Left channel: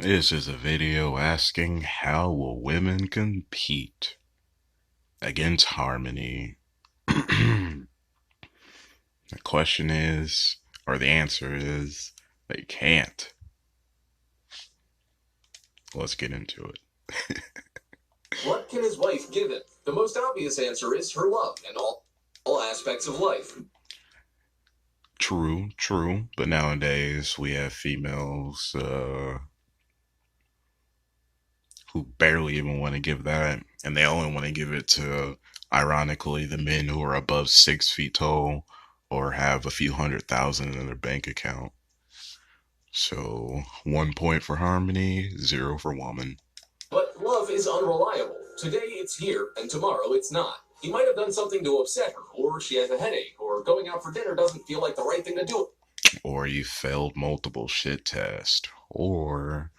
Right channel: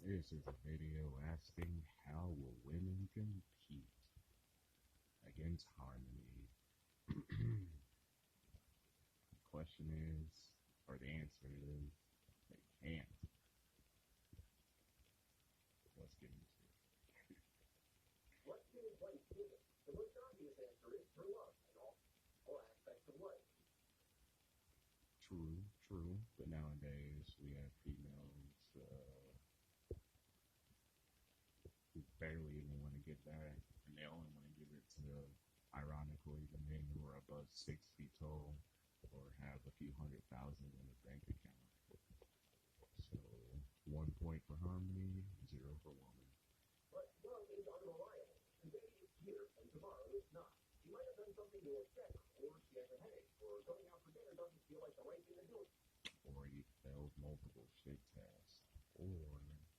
This is a video asking how will women compete against Harmony. The question is, or the answer is, they can't. Let's get into it. What can his wife give him? The most obvious answer is her love and all aspects of life. True. But nowadays we have females who barely even want to give that, and they only want to give it to, ironically, the men who are above 6 feet tall or have a few 100,000 in their bank account. So 1 point for Harmony, zero for Woman. But love is unreliable. Today it's here, and tomorrow it's not. He might have done something to upset her, or she has a headache, or going out for dinner doesn't feel like the right thing to do. Or you failed multiple shit tests. Or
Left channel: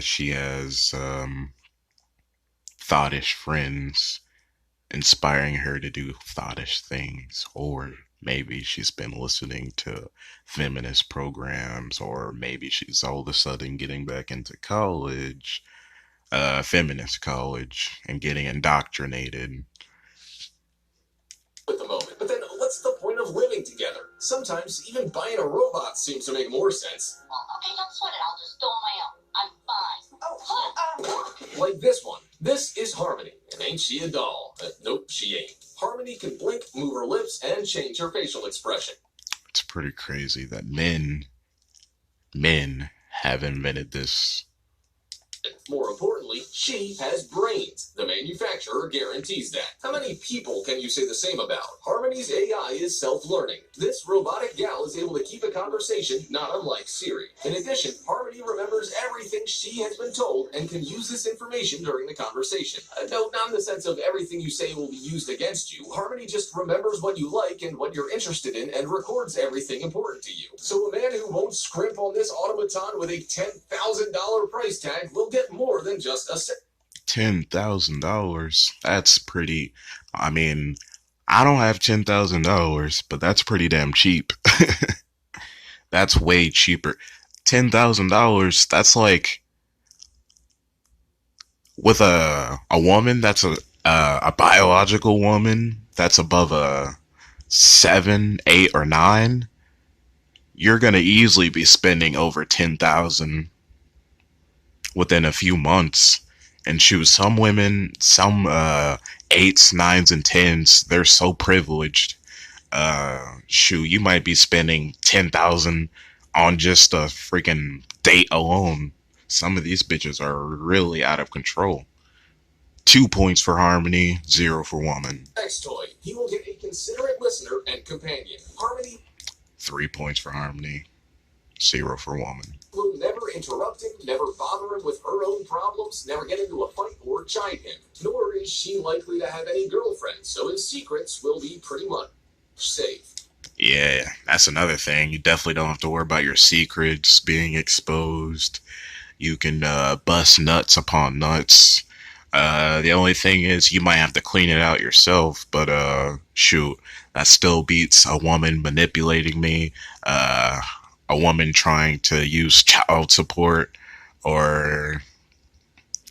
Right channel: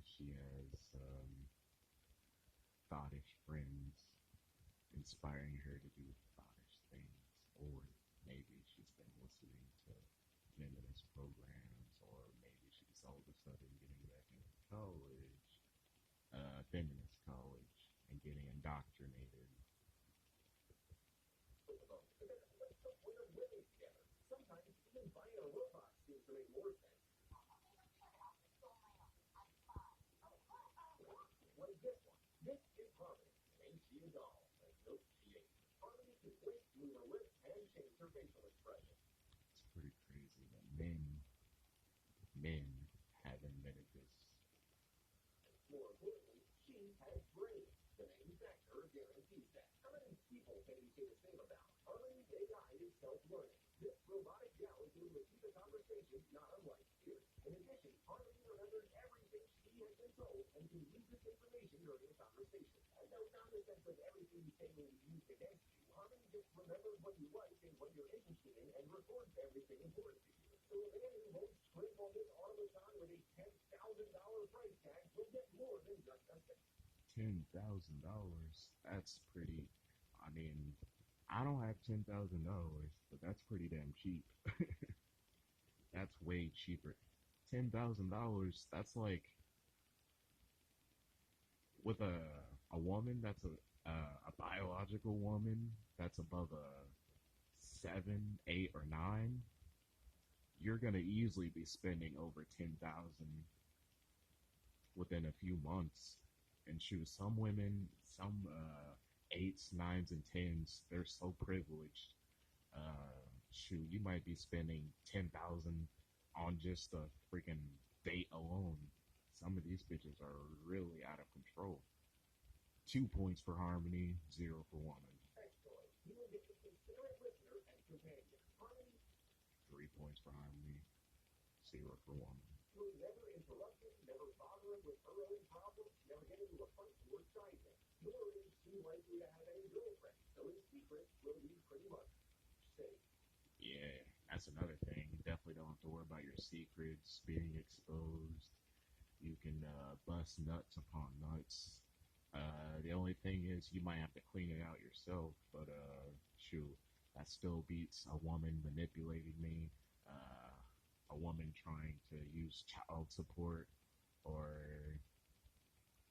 she has thoughtish friends inspiring her to do thoughtish things. Or maybe she's been listening to feminist programs, or maybe she's all of a sudden getting back into college, feminist college, and getting indoctrinated. At the moment. But then what's the point of living together? Sometimes even buying a robot seems to make more sense. Well, okay, don't sweat it. I'll just do it on my own. I'm fine. Like this one. This is Harmony, and ain't she a doll? Nope, she ain't. Harmony can blink, move her lips, and change her facial expression. It's pretty crazy that men have invented this. More importantly, she has brains. The manufacturer guarantees that. How many people can you say the same about? Harmony's AI is self-learning. This robotic gal is able to keep a conversation not unlike Siri. In addition, Harmony remembers everything she has been told and can use this information during the conversation. No, not in the sense of everything you say will be used against you. Harmony just remembers what you like and what you're interested in and records everything important to you. So a man who won't scrimp on this automaton with a $10,000 price tag will get more than just a $10,000. That's pretty. I mean, I don't have $10,000, but that's pretty damn cheap. That's way cheaper. $10,000. That's like with a woman. That's a biological woman. That's above a 7, 8, or 9. You're gonna easily be spending over 10,000 within a few months. And shoot, some women, some eights, nines, and tens, they're so privileged. Shoot, you might be spending 10,000 on just a freaking date alone. Some of these bitches are really out of control. 2 points for Harmony, zero for Woman. sex toy. He will get a considerate listener and companion. Harmony 3 points for Harmony, zero for Woman. will never interrupt him, never bother him with her own problems, never get into a fight or chide him. Nor is she likely to have any girlfriends, so his secrets will be pretty much safe. Yeah, that's another thing. You definitely don't have to worry about your secrets being exposed. You can bust nuts upon nuts. The only thing is you might have to clean it out yourself, but shoot, that still beats a woman manipulating me, uh, a woman trying to use child support, or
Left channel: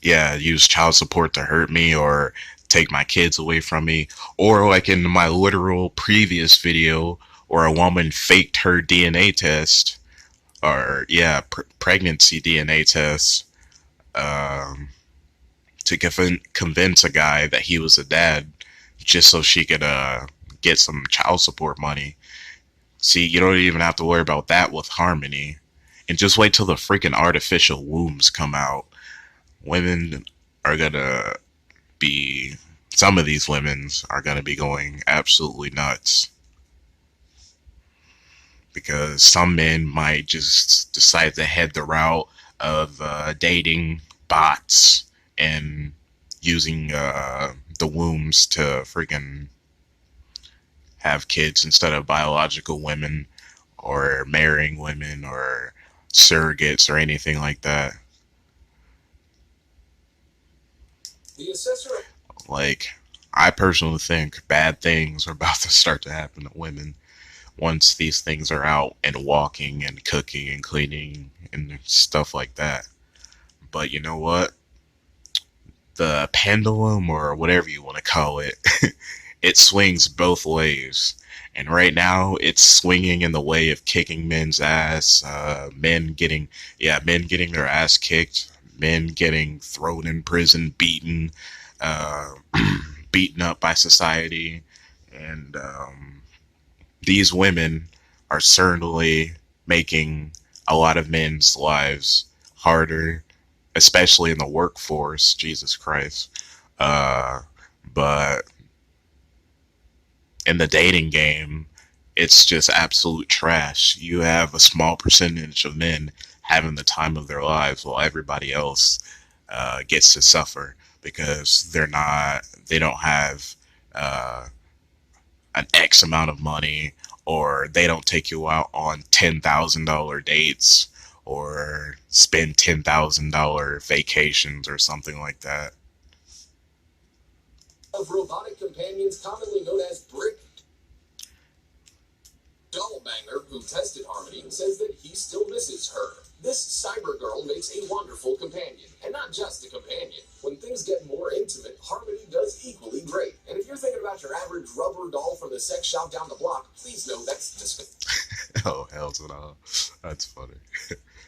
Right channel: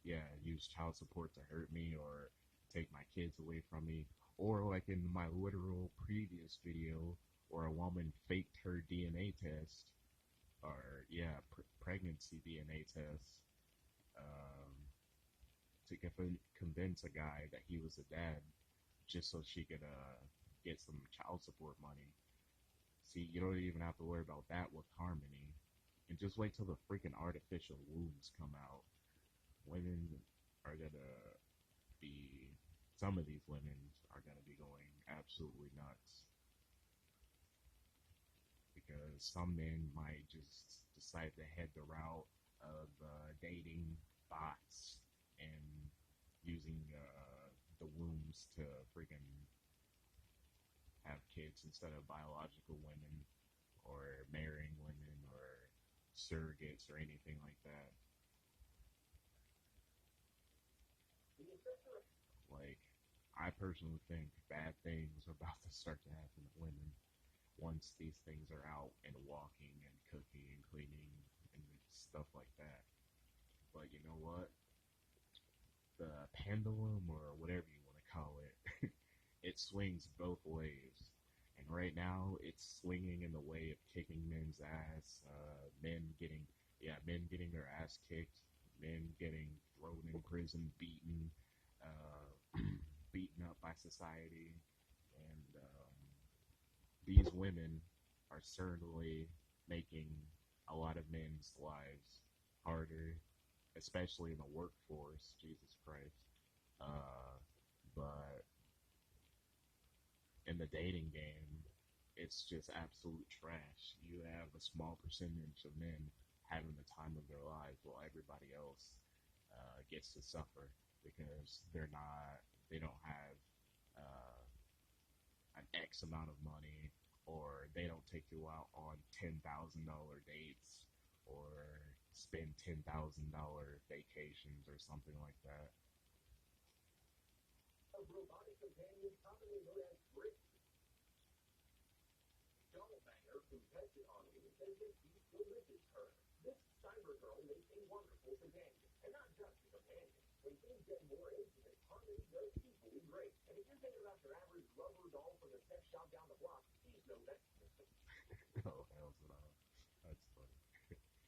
yeah, use child support to hurt me or take my kids away from me, or like in my literal previous video, where a woman faked her DNA test, or yeah, pregnancy DNA test, um, to convince a guy that he was a dad, just so she could get some child support money. See, you don't even have to worry about that with Harmony. And just wait till the freaking artificial wombs come out. Women are gonna be, some of these women's are gonna be going absolutely nuts. Because some men might just decide to head the route of dating bots and using the wombs to freaking have kids instead of biological women, or marrying women, or surrogates, or anything like that. The assessor. Like, I personally think bad things are about to start to happen to women once these things are out and walking and cooking and cleaning and stuff like that. But you know what? The pendulum, or whatever you want to call it, it swings both ways. And right now, it's swinging in the way of kicking men's ass, men getting their ass kicked, men getting thrown in prison, beaten, uh, beaten up by society, and these women are certainly making a lot of men's lives harder, especially in the workforce. Jesus Christ. Uh, but in the dating game, it's just absolute trash. You have a small percentage of men having the time of their lives while everybody else gets to suffer because they don't have uh, an X amount of money, or they don't take you out on $10,000 dates, or spend $10,000 vacations or something like that. Of robotic companions commonly known as brick doll banger, who tested Harmony, says that he still misses her. This cyber girl makes a wonderful companion, and not just a companion. When things get more intimate, Harmony does equally great. And if you're thinking about your average rubber doll from the sex shop down the block, please know that's Oh, hell no. That's funny.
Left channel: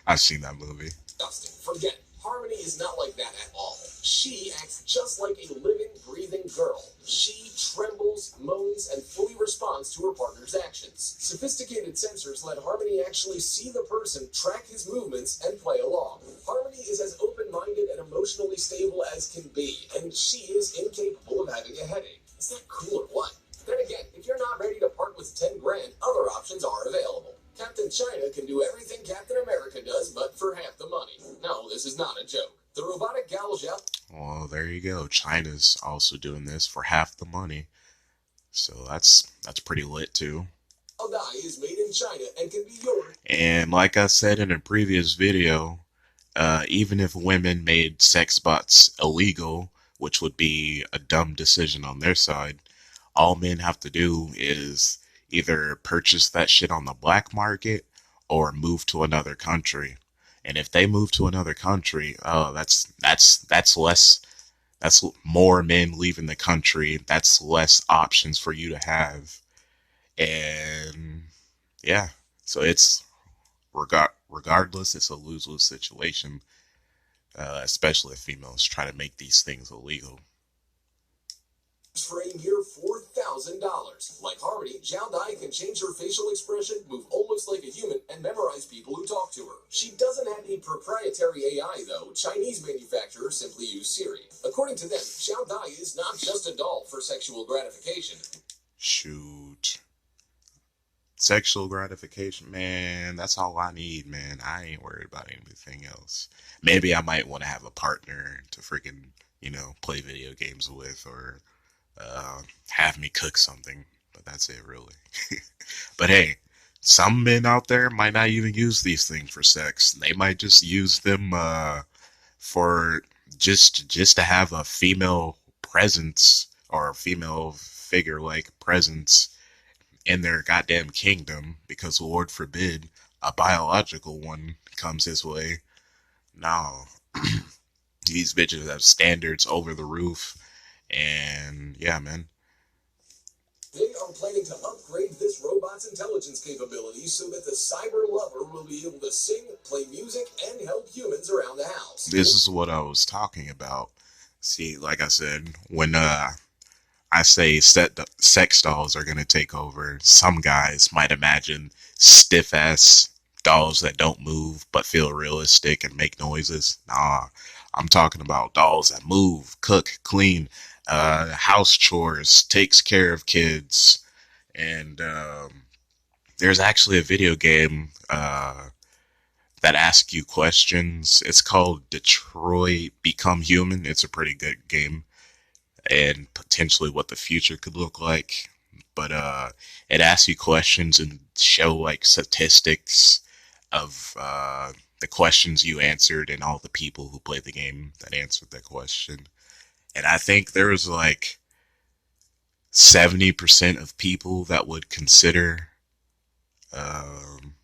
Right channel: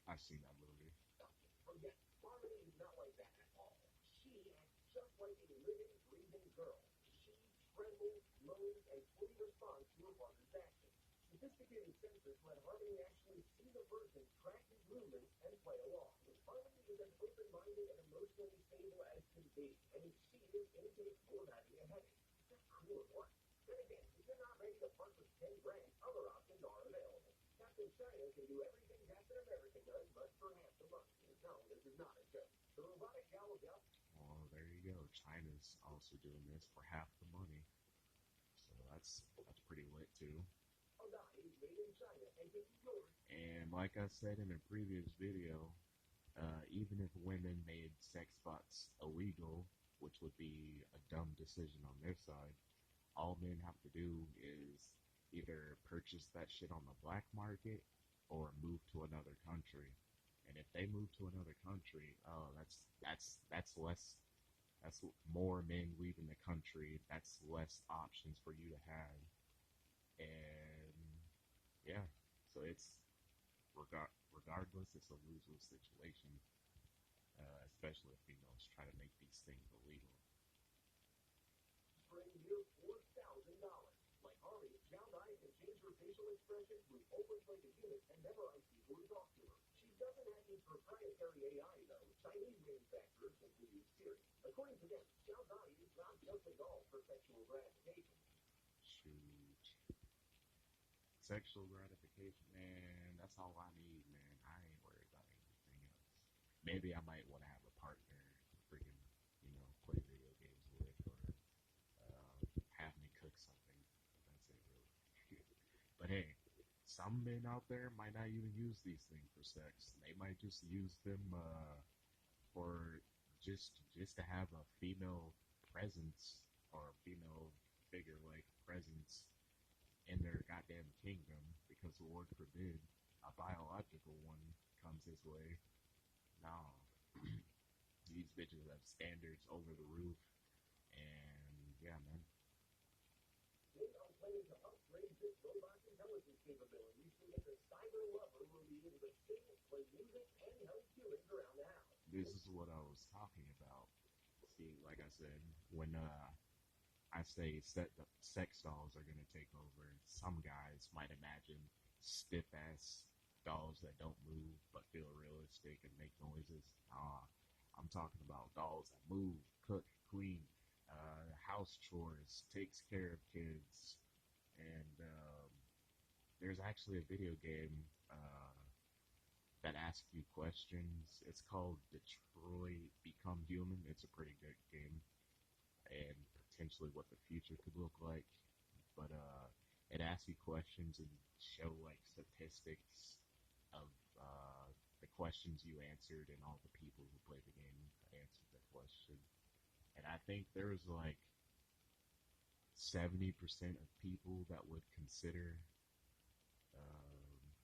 I've seen that movie. disgusting. Forget it. Harmony is not like that at all. She acts just like a living, breathing girl. She trembles, moans, and fully responds to her partner's actions. Sophisticated sensors let Harmony actually see the person, track his movements, and play along. Harmony is as open-minded and emotionally stable as can be, and she is incapable of having a headache. Is that cool or what? Then again, if you're not ready to part with 10 grand, other options are available. Captain China can do everything Captain America does, but for half the money. No, this is not a joke. The robotic gal shop. Well, there you go. China's also doing this for half the money. So that's pretty lit too. Die is made in China and can be yours. And like I said in a previous video, even if women made sex bots illegal, which would be a dumb decision on their side, all men have to do is either purchase that shit on the black market or move to another country. And if they move to another country, oh, that's less. That's more men leaving the country. That's less options for you to have. And yeah, so it's regardless, it's a lose-lose situation, especially if females try to make these things illegal. For a mere $4,000. Like Harmony, Zhao Dai can change her facial expression, move almost like a human, and memorize people who talk to her. She doesn't have a proprietary AI, though. Chinese manufacturers simply use Siri. According to them, Zhao Dai is not just a doll for sexual gratification. Shoot. Sexual gratification, man, that's all I need, man. I ain't worried about anything else. Maybe I might want to have a partner to freaking, play video games with, or have me cook something, but that's it, really. But hey, some men out there might not even use these things for sex. They might just use them for just to have a female presence, or a female figure-like presence in their goddamn kingdom, because Lord forbid a biological one comes his way. No. These bitches have standards over the roof, and yeah, man. They are planning to upgrade this robot's intelligence capabilities so that the cyber lover will be able to sing, play music, and help humans around the house. This is what I was talking about. See, like I said, when I say sex dolls are gonna take over, some guys might imagine stiff ass dolls that don't move but feel realistic and make noises. Nah, I'm talking about dolls that move, cook, clean, house chores, takes care of kids, and there's actually a video game that asks you questions. It's called Detroit Become Human. It's a pretty good game, and potentially what the future could look like. But it asks you questions and show like statistics of the questions you answered and all the people who played the game that answered that question. And I think there was like 70% of people that would consider, um,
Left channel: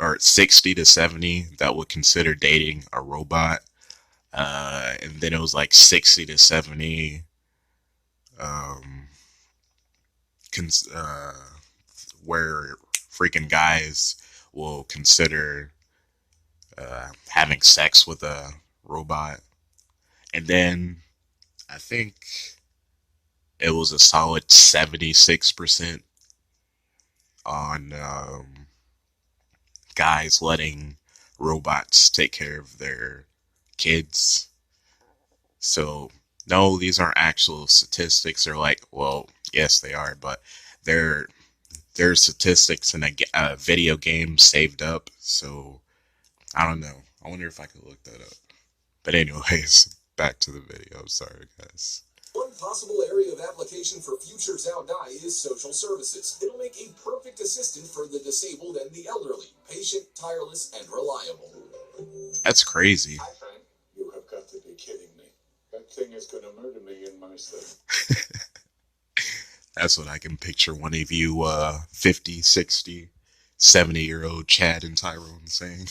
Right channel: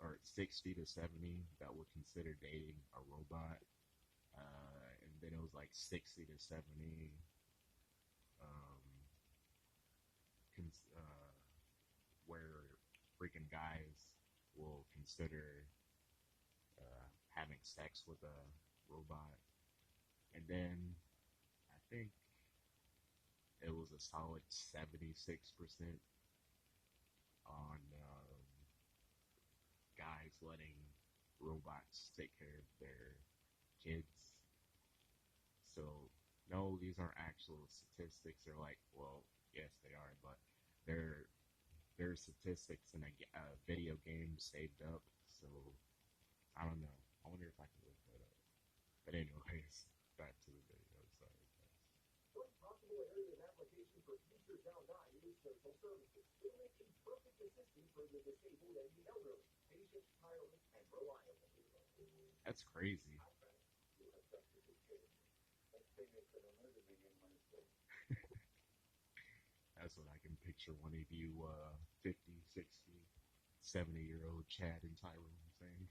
or 60 to 70 that would consider dating a robot. And then it was like 60 to 70 um, cons- uh, where freaking guys will consider having sex with a robot. And then I think it was a solid 76% on guys letting robots take care of their kids. So, no, these aren't actual statistics. They're like, well, yes, they are, but they're statistics in a video game saved up. So, I don't know. I wonder if I could look that up. But anyways, back to the video. Sorry, guys. One possible area of application for future Zhao Dai is social services. It'll make a perfect assistant for the disabled and the elderly, patient, tireless, and reliable. That's crazy. Hi, Frank. You have got to be kidding me. That thing is going to murder me in my sleep. That's what I can picture one of you 50, 60, 70-year-old Chad and Tyrone saying.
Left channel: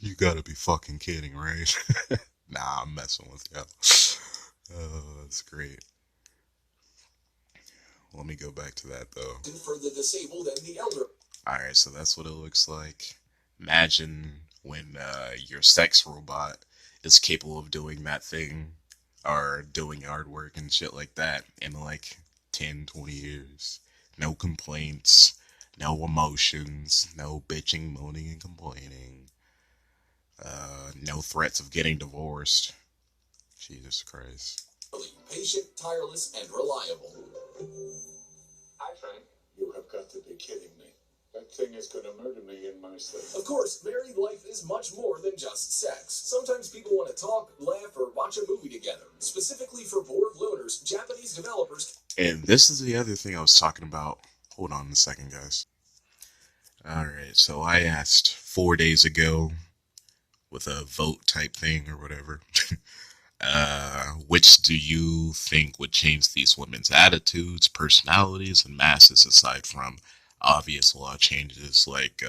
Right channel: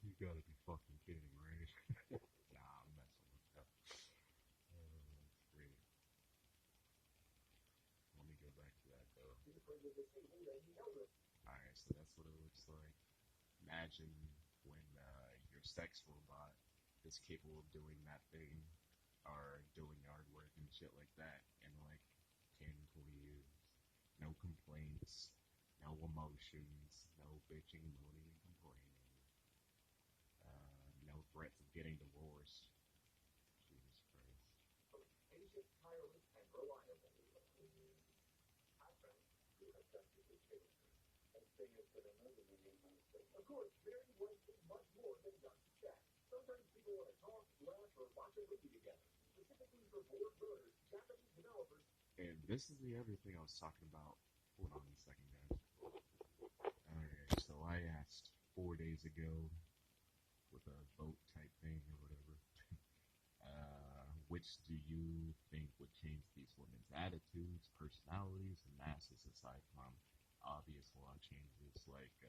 You gotta be fucking kidding, right? Nah, I'm messing with you. Oh, that's great. Let me go back to that though. For the disabled and the elderly. Alright, so that's what it looks like. Imagine when your sex robot is capable of doing that thing or doing yard work and shit like that in like 10, 20 years. No complaints, no emotions, no bitching, moaning, and complaining. No threats of getting divorced. Jesus Christ. Patient, tireless, and reliable. Hi, Frank. You have got to be kidding me. That thing is going to murder me in my sleep. Of course, married life is much more than just sex. Sometimes people want to talk, laugh, or watch a movie together. Specifically for bored loners, Japanese developers... And this is the other thing I was talking about. Hold on a second, guys. Alright, so I asked 4 days ago with a vote type thing or whatever. Which do you think would change these women's attitudes, personalities, and masses aside from obvious law changes like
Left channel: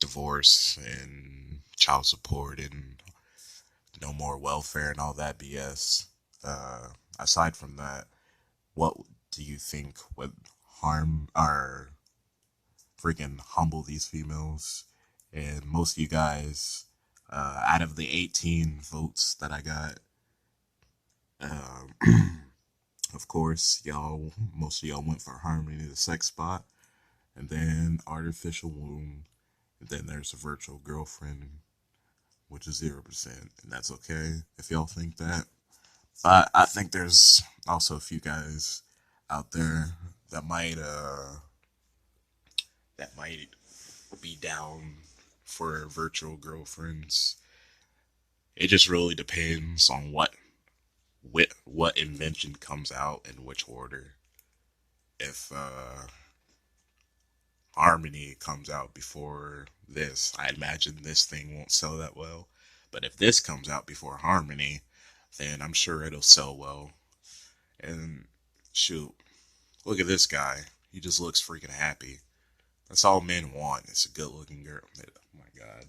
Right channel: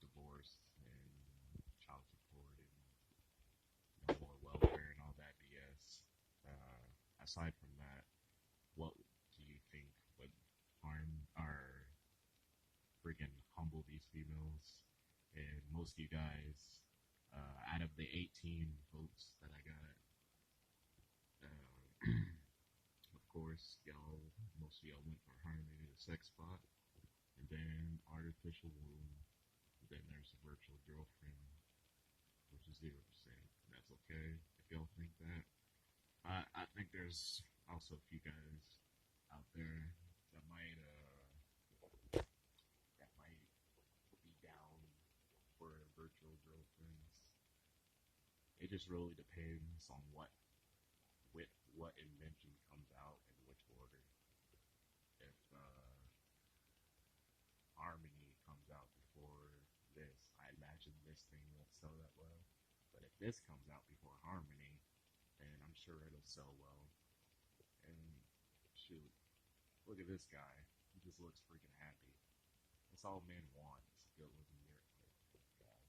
divorce and child support and no more welfare and all that BS? Aside from that, what do you think would harm or freaking humble these females? And most of you guys, out of the 18 votes that I got, of course, most of y'all went for Harmony the SEXBOT, and then Artificial Womb, and then there's a Virtual Girlfriend, which is 0%, and that's okay if y'all think that. But I think there's also a few guys out there that might be down for virtual girlfriends. It just really depends on what invention comes out in which order. If Harmony comes out before this, I imagine this thing won't sell that well. But if this comes out before Harmony, then I'm sure it'll sell well. And shoot, look at this guy. He just looks freaking happy. That's all men want. It's a good looking girl. Oh my god.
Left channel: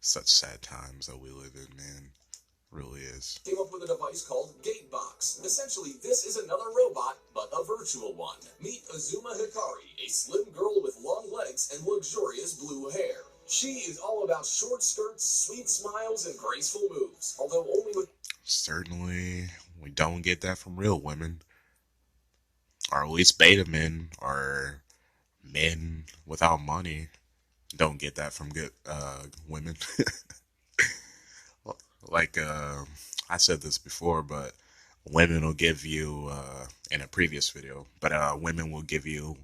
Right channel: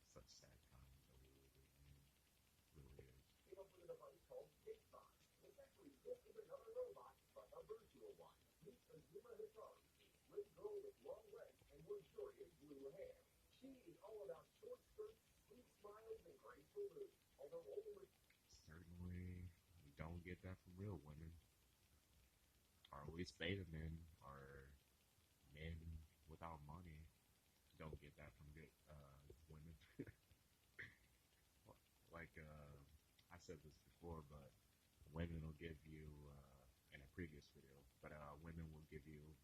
Such sad times that we live in, man. It really is. Came up with a device called Gatebox. Essentially, this is another robot, but a virtual one. Meet Azuma Hikari, a slim girl with long legs and luxurious blue hair. She is all about short skirts, sweet smiles, and graceful moves, although only with... Certainly, we don't get that from real women. Or at least beta men, or men without money. Don't get that from good women. Like, I said this before, but women will give you, in a previous video, but women will give you,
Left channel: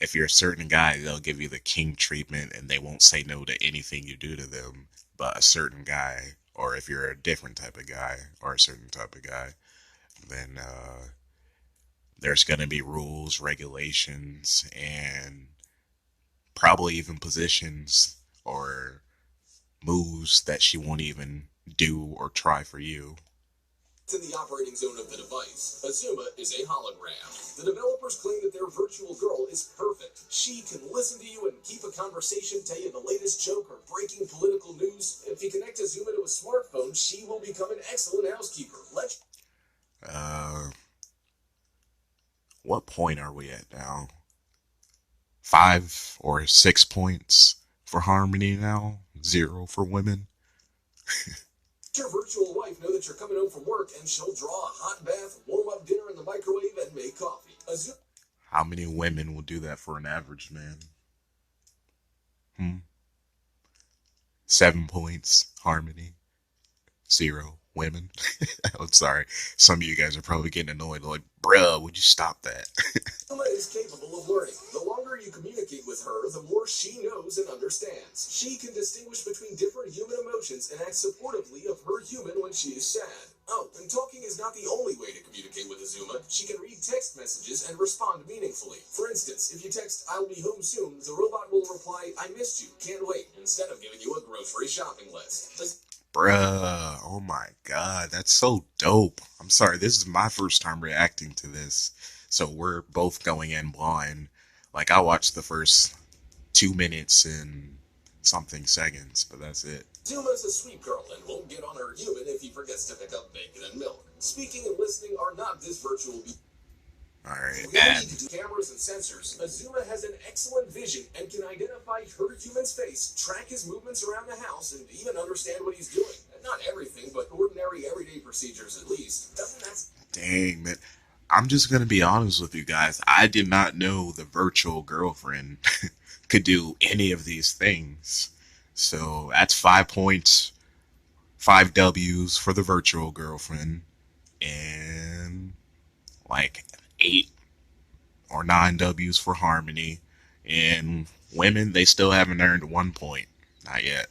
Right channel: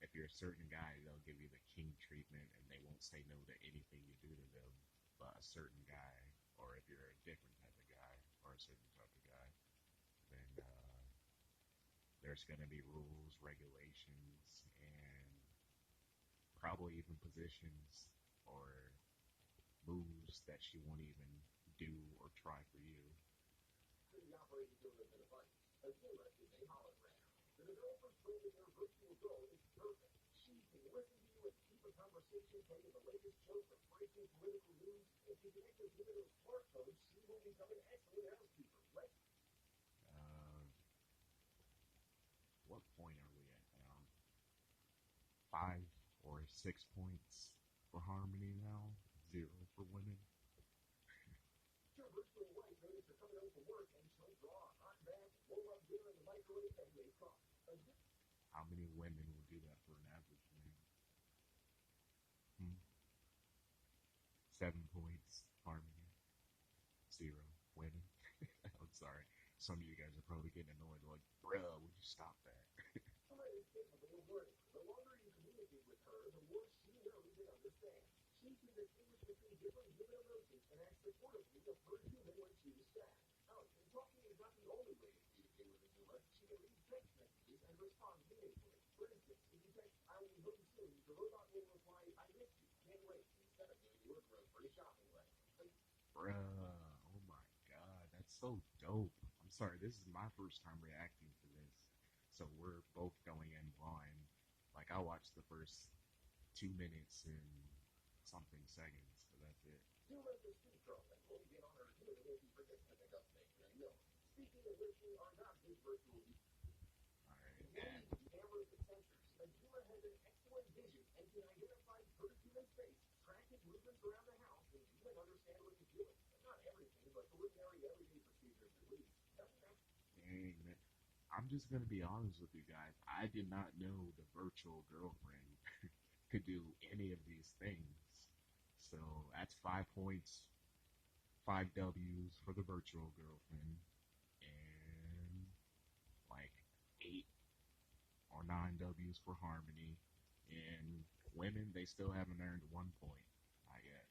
if you're a certain guy, they'll give you the king treatment and they won't say no to anything you do to them. But a certain guy, or if you're a different type of guy, or a certain type of guy, then there's going to be rules, regulations, and probably even positions or moves that she won't even do or try for you. In the operating zone of the device, Azuma is a hologram. The developers claim that their virtual girl is perfect. She can listen to you and keep a conversation, tell you the latest joke or breaking political news. If you connect she will become an excellent housekeeper. What point are we at now? 5 or 6 points for Harmony now. 0 for women. Your virtual wife know that you're coming home from work, and she'll draw a hot bath, warm up dinner in the microwave, and make coffee. How many women will do that for an average man? 7 points, Harmony. 0 women. I'm sorry. Some of you guys are probably getting annoyed. Like, bruh, would you stop that? Zuma is capable of learning. The longer you communicate with her, the more she knows and understands. She can distinguish between different human emotions and act supportively of her human when she is sad. Oh, and talking is not the only way to communicate with Azuma. She can read text messages and respond meaningfully. For instance, if you text, "I'll be home soon," the robot will reply, "I missed you, can't wait," instead of giving you a grocery shopping list. Bruh, oh my god, that's so dope. I'm sorry, this is my first time reacting to this, so we're both going in blind. Like, I watched the first 2 minutes and something seconds, but that's it. Zuma's a sweet girl and won't get on her human if he forgets to pick up bacon and milk. Speaking and listening are not this virtual Alright, and cameras and sensors. Azuma has an excellent vision and can identify her human's face, track his movements around the house, and even understand what he's doing. Not everything, but ordinary everyday procedures at least. Doesn't that... Dang, man. I'm just gonna be honest with you guys. I did not know the virtual girlfriend could do any of these things. So that's 5 points, 5 W's for the virtual girlfriend, and like 8 or 9 W's for Harmony. And women, they still haven't earned 1 point. Not yet.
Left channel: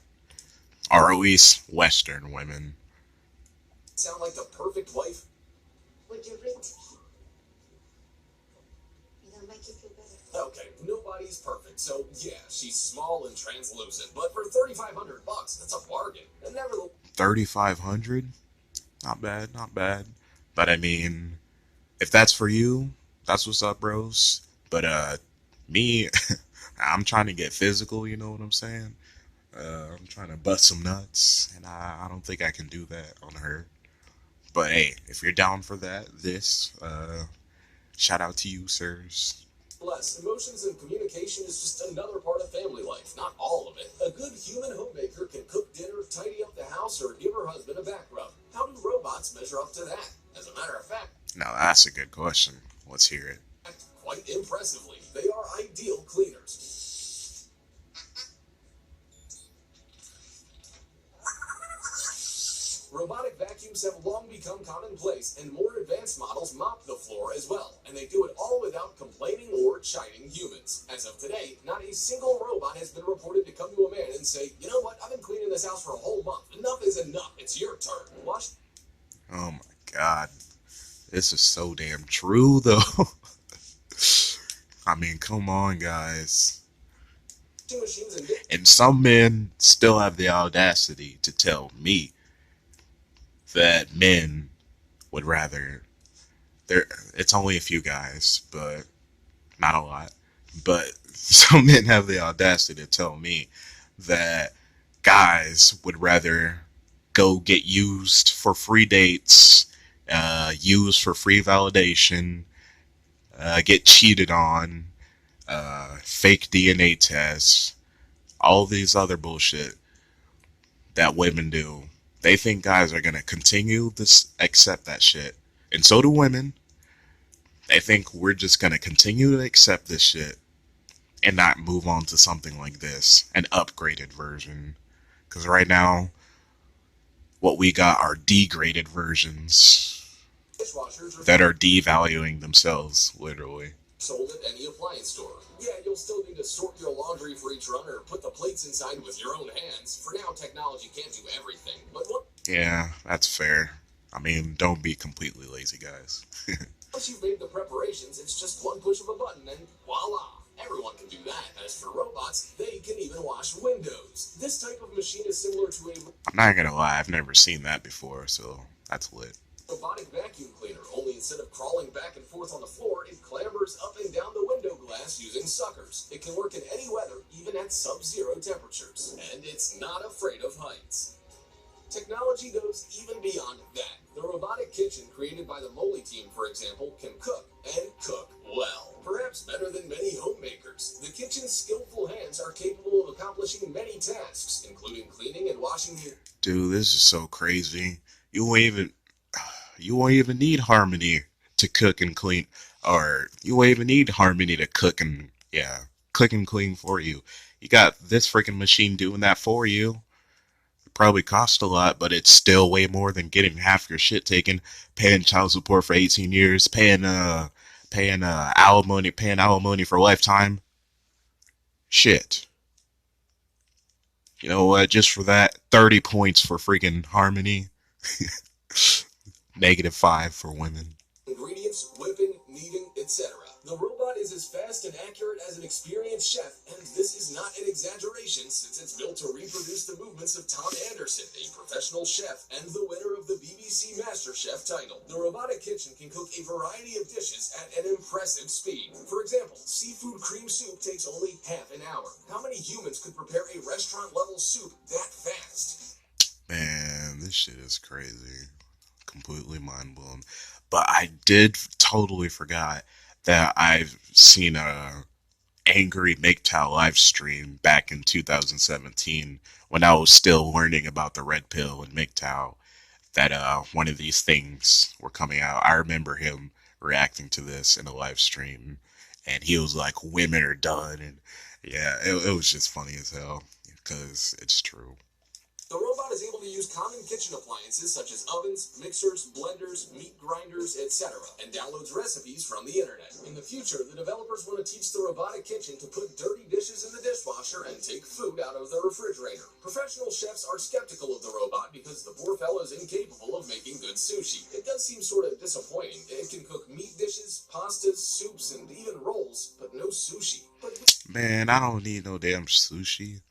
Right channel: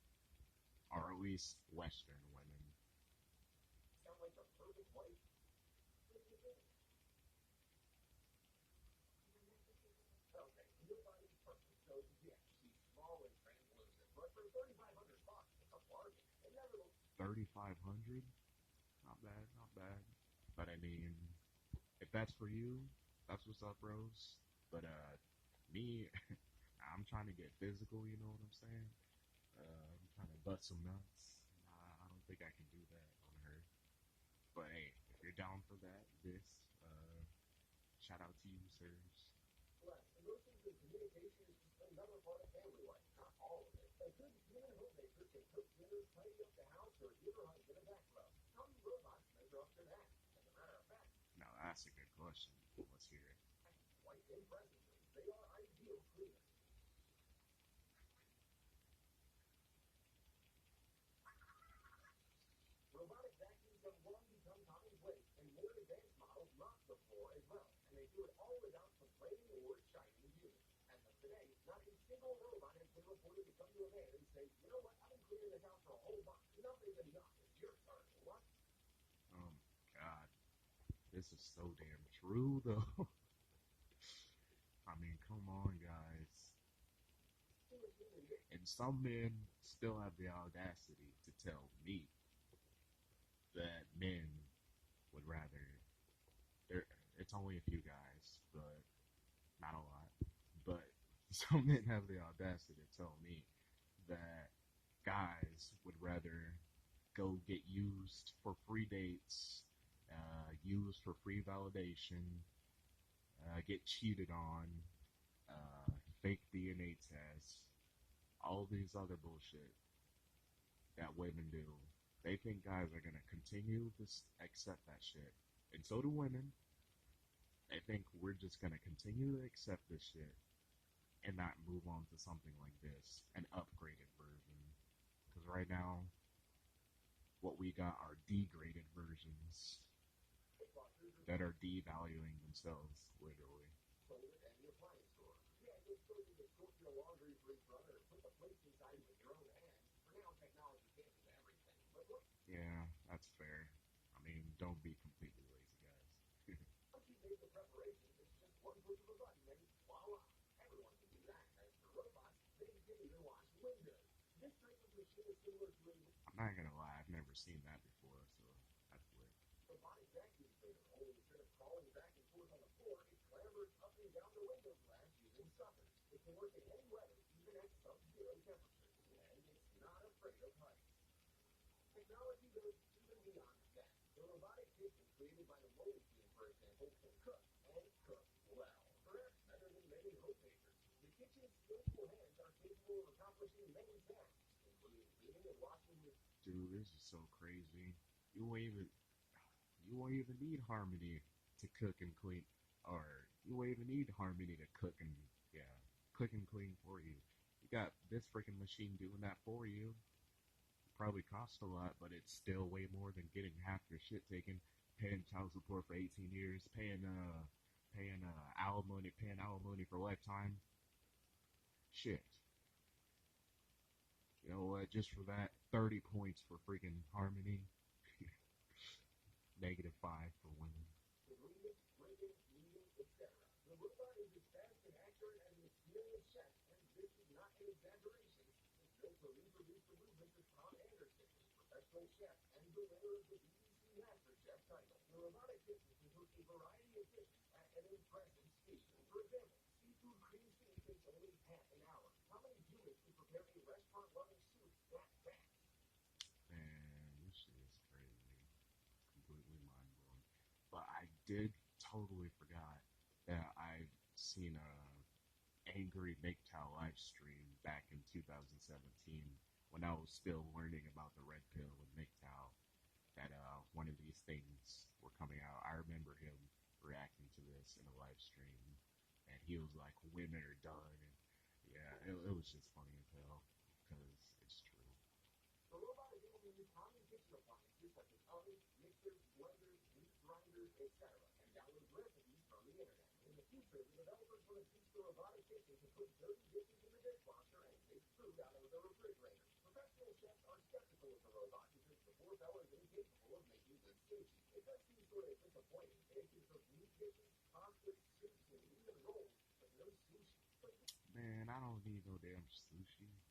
Or at least Western women. Sound like the perfect wife? Would you read to me? It'll make you feel better. Okay, nobody's perfect, so yeah, she's small and translucent, but for $3,500, that's a bargain. And nevertheless, 3,500? Not bad, not bad. But I mean, if that's for you, that's what's up, bros. But me, I'm trying to get physical, you know what I'm saying? I'm trying to bust some nuts, and I don't think I can do that on her. But hey, if you're down for that, shout out to you, sirs. emotions and communication is just another part of family life, not all of it. A good human homemaker can cook dinner, tidy up the house, or give her husband a back rub. How do robots measure up to that? As a matter of fact, Now that's a good question. Let's hear it. quite impressively, they are ideal cleaners. Robotic vacuums have long become commonplace, and more advanced models mop the floor as well, and they do it all without complaining or chiding humans. As of today, not a single robot has been reported to come to a man and say, "You know what, I've been cleaning this house for a whole month. Enough is enough. It's your turn. Watch." Oh my god. This is so damn true, though. I mean, come on, guys. Machines And some men still have the audacity to tell me that men would rather... It's only a few guys, but not a lot. But some men have the audacity to tell me that guys would rather go get used for free dates, used for free validation, get cheated on, fake DNA tests, all these other bullshit that women do. They think guys are gonna continue to accept that shit, and so do women. They think we're just gonna continue to accept this shit and not move on to something like this, an upgraded version. Because right now, what we got are degraded versions that are devaluing themselves, literally. Sold at any appliance store. Yeah, you'll still need to sort your laundry for each runner or put the plates inside with your own hands. For now, technology can't do everything. But Yeah, that's fair. I mean, don't be completely lazy, guys. once you've made the preparations, it's just one push of a button and voila! Everyone can do that. As for robots, they can even wash windows. This type of machine is similar to a I'm not gonna lie, I've never seen that before, so that's lit. robotic vacuum cleaner, only instead of crawling back and forth on the floor, it clambers up and down the window glass using suckers. It can work in any weather, even at sub-zero temperatures. And it's not afraid of heights. Technology goes even beyond that. The robotic kitchen created by the Moley team, for example, can cook, and cook well. Perhaps better than many homemakers. The kitchen's skillful hands are capable of accomplishing many tasks, including cleaning and washing the... Dude, this is so crazy. You won't even you won't even need Harmony to cook and clean, or you won't even need Harmony to cook and clean for you. You got this freaking machine doing that for you. It probably cost a lot, but it's still way more than getting half your shit taken, paying child support for 18 years, paying alimony for a lifetime. Shit. You know what? Just for that, 30 points for freaking Harmony. -5 for women. Ingredients, whipping, kneading, etc. The robot is as fast and accurate as an experienced chef, and this is not an exaggeration since it's built to reproduce the movements of Tom Anderson, a professional chef and the winner of the BBC MasterChef title. The robotic kitchen can cook a variety of dishes at an impressive speed. For example, seafood cream soup takes only half an hour. How many humans could prepare a restaurant-level soup that fast? Man, this shit is crazy. Completely mind blown. But I did totally forgot that I've seen a angry MGTOW live stream back in 2017 when I was still learning about the red pill and MGTOW, that one of these things were coming out. I remember him reacting to this in a live stream, and he was like, "Women are done," and yeah, it was just funny as hell because it's true. The robot is able to use common kitchen appliances such as ovens, mixers, blenders, meat grinders, etc., and downloads recipes from the internet. In the future, the developers want to teach the robotic kitchen to put dirty dishes in the dishwasher and take food out of the refrigerator. Professional chefs are skeptical of the robot because the poor fellow is incapable of making good sushi. It does seem sort of disappointing. It can cook meat dishes, pastas, soups, and even rolls, but no sushi. Man, I don't need no damn sushi.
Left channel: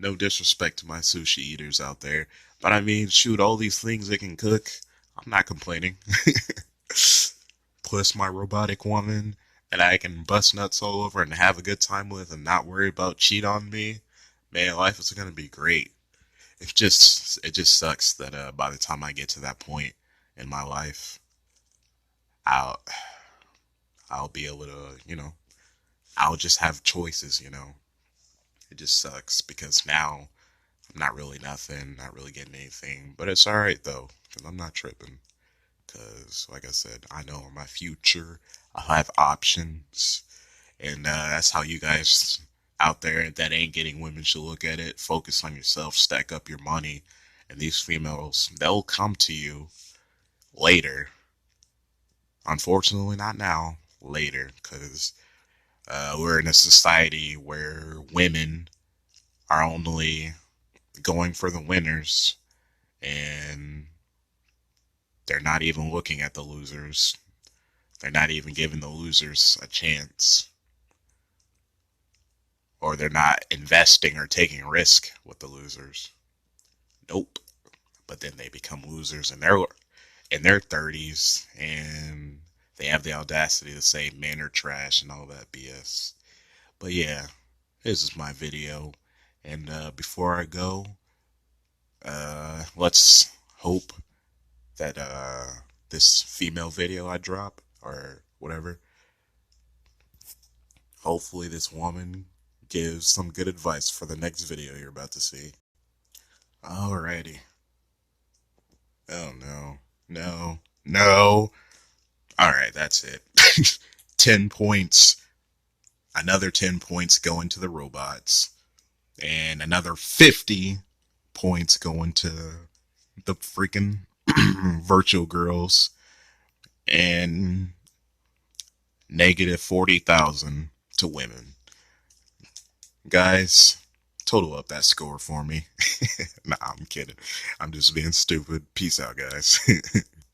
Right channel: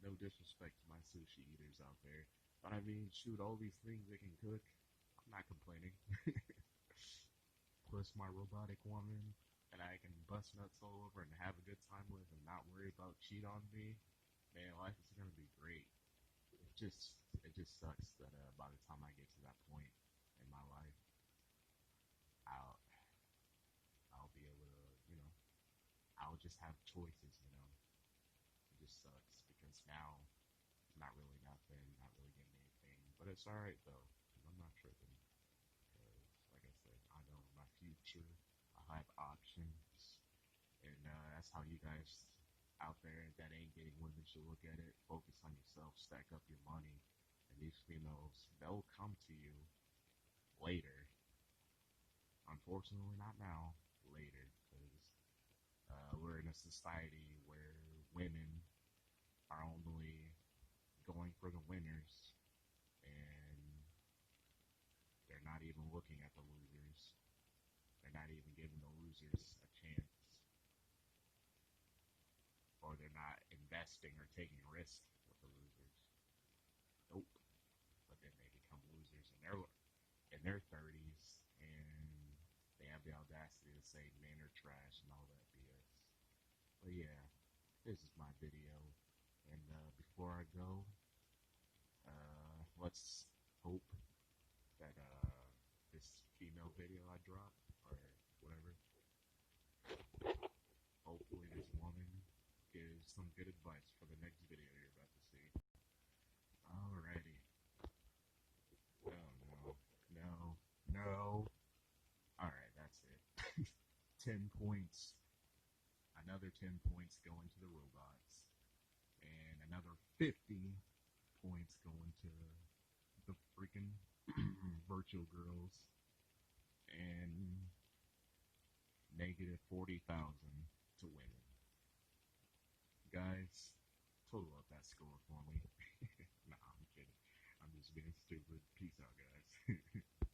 No disrespect to my sushi eaters out there, but I mean, shoot, all these things it can cook, I'm not complaining. Plus my robotic woman that I can bust nuts all over and have a good time with and not worry about cheat on me. Man, life is gonna be great. It just sucks that by the time I get to that point in my life, I'll I'll be able to, I'll just have choices. It just sucks because now I'm not really nothing, not really getting anything. But it's alright though, because I'm not tripping. Because, like I said, I know my future, I'll have options. And that's how you guys out there that ain't getting women should look at it. Focus on yourself, stack up your money. And these females, they'll come to you later. Unfortunately, not now, later. Because we're in a society where women are only going for the winners, and they're not even looking at the losers. They're not even giving the losers a chance. Or they're not investing or taking risk with the losers. Nope. But then they become losers in their 30s, and they have the audacity to say men are trash and all that BS. But yeah, this is my video. And before I go, let's hope that this female video I drop or whatever, hopefully this woman gives some good advice for the next video you're about to see. Alrighty. Oh no. No. No. Alright, that's it. 10 points. Another 10 points going to the robots. And another 50 points going to the freaking virtual girls. And -40,000 to women. Guys, total up that score for me. Nah, I'm kidding. I'm just being stupid. Peace out, guys.